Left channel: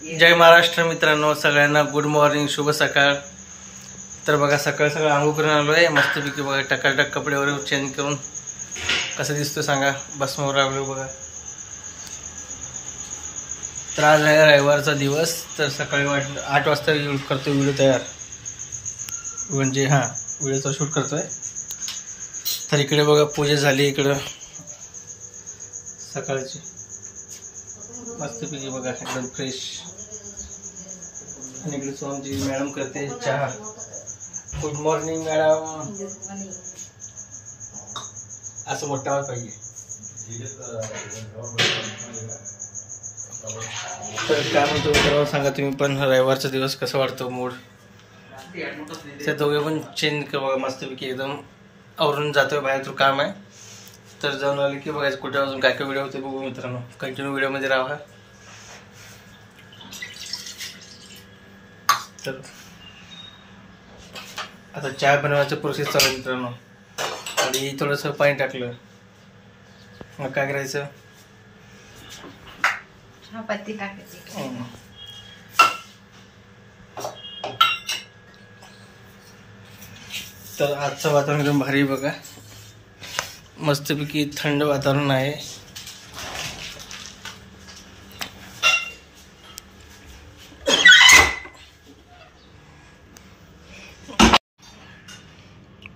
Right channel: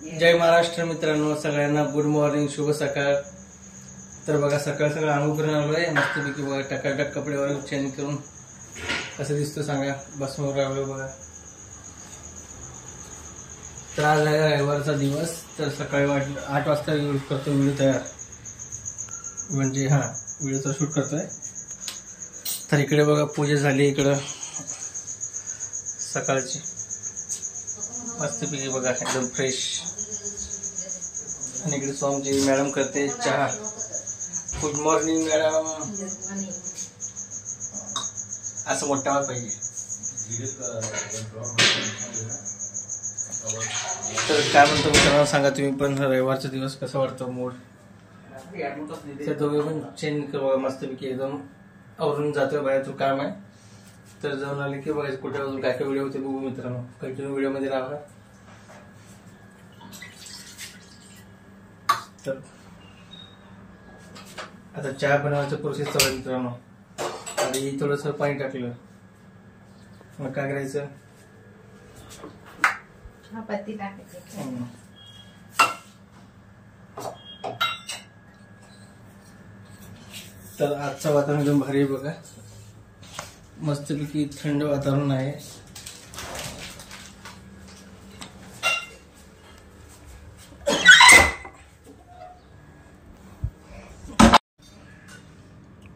जय महाराष्ट्र मित्रांनो, सगळ्यांना good morning, शुभ सकाळ। तर बघा सकाळ सकाळ आंघोळ करून आलोय मस्तपैकी। बघा टकाटक कपडे वगैरे चेंज करून कसं दिसतो सांगा, बसमोर राहिलो बघा। तर आज आहे रविवारचा दिवस। तर सकाळी 8 वाजता करतो व्हिडिओ तयार, म्हणजे व्हिडिओचा शूट करतोय। तर इकडे बघा पूजा झाली इकडं सकाळची, मस्तपैकी बघा एकदम फ्रेश। आणि इकडे स्वामीजी मॅडम करते चहा। गुड मॉर्निंग मॅडम, असं मोठा आवाज पाहिजे। तर काय म्हणतो मित्रांनो सांगा तुम्ही पण, रविवारचा दिवस कसं वाटतो मूड? त्या दोघे पण चेंज कर बघा मस्तपैकी, एकदम आवरून जातोय बाहेर, तो काम आहे। तर जाऊन आले की बघायचं कुठे अजून काय काय व्हिडिओ होते बघू मित्रांनो, कंटिन्यू व्हिडिओमध्ये राहा। तर आता चहा बनवायचं प्रोसेस चालू मित्रांनो। आणि थोडंसं पाणी टाकलं, मग काय करायचं, पत्ती टाकायची। तर आजचं वातावरण एकदम भारी बघा, मस्तपैकी थंड वातावरण आहे।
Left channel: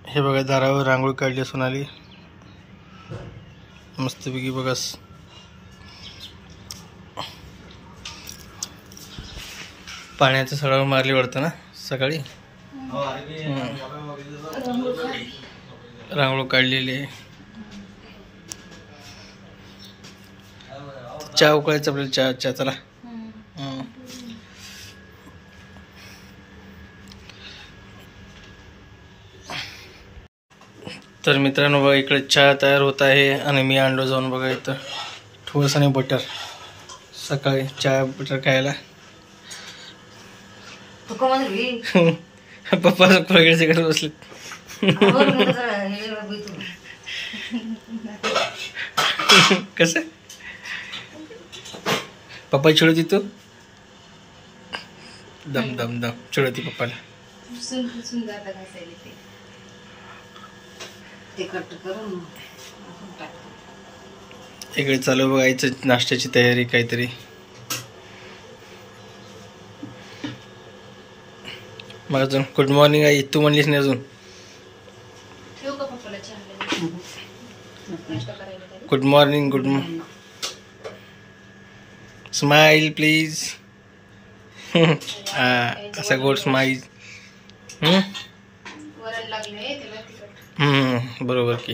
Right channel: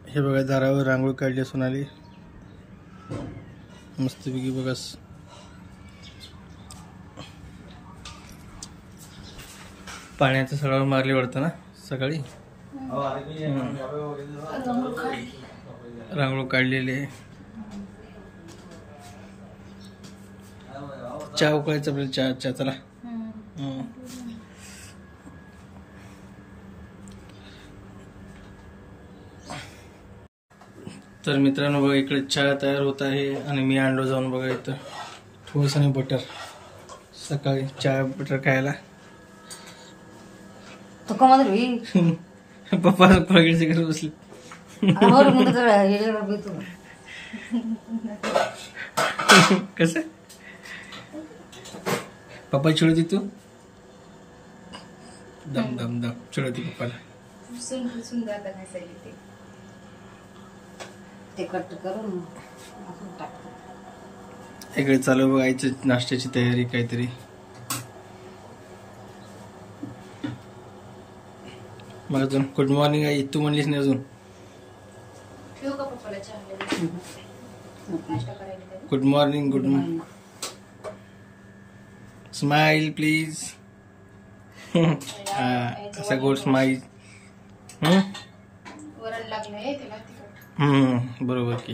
हे बघा दारावर रांगोळी काढली सोनाली मस्तपैकी बघा। पाण्याचं सगळं मारली वाटतं ना सकाळी, रांगोळी काढलेली आहे। चहा उकळायचं आपल्याला, चहा चला। तर मित्रांनो बघा इकडे चहा तयार होत आहे, आणि मी आणलो जाऊन बघा इथं ठोस आणि बटर, सकाळी चहा बटर खायला। पप्पा वगैरे करत बसले। कसं पप्पा चिडवती तू? दम दम दम चिडवती पप्पाला। इकडे चालू बघायचं नाश्त्याची तयारी काहीतरी। मग अजून गुड मॉर्निंग आई तू म्हणलीस नाही अजून? Good morning, good morning, smile please. असा गोड स्माइल। बरोबर की,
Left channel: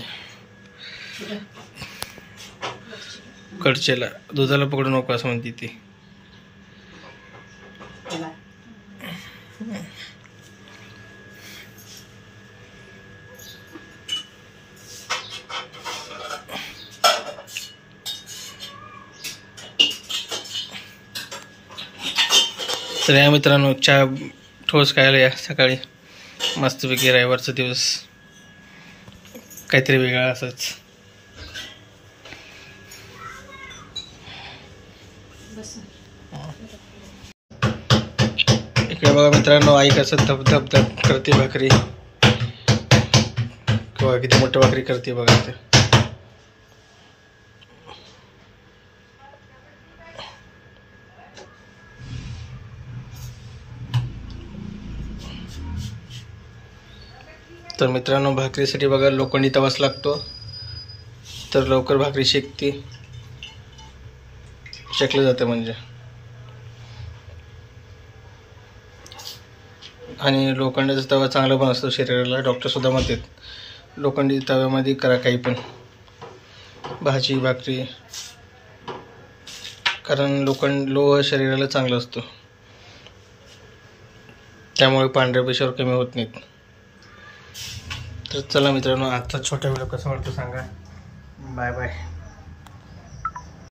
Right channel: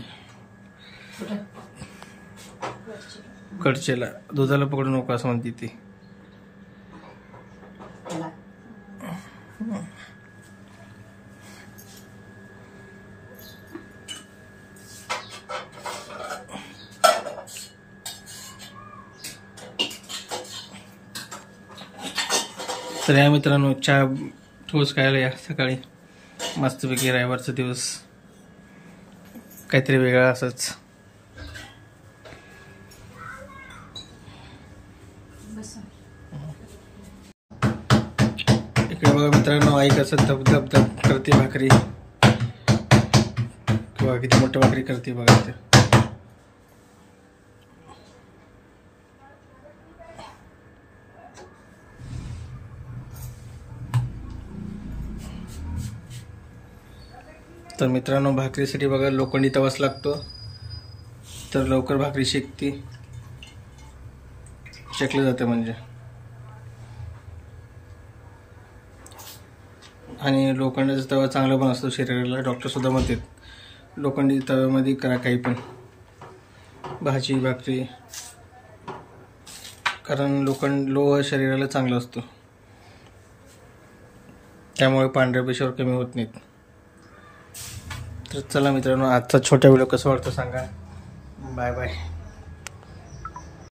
कडचेला दुधाला पकडू नको असं म्हणते ती। तर या मित्रांनो चहा ठोस खायला या सकाळी मस्तपैकी, रविवारचा दिवस काहीतरी वेगळा असंच। इकडे बघा मित्रांनो आई कसं धब धब धब करते भाकरी, किंवा किती मोठं भाकरी करते बघा इथे। तर मित्रांनो भाकरीसाठी बघा लोखंडी तवाच लागतो, तर लवकर भाकरी शेकते, शेकलं जातं म्हणजे। आणि लोखंडाचा तवा चांगला पण असतो शरीराला, डॉक्टर सुद्धा म्हणतात लोखंडी तव्यामध्ये करा काही पण, भाजी भाकरी, कारण लोह शरीराला चांगलं असतो, त्यामुळे पांढऱ्या पेशीवर कमी होत नाहीत। तर चला मित्रांनो आजचा छोटा व्हिडिओ कसं वाटतं सांगा, बाय बाय।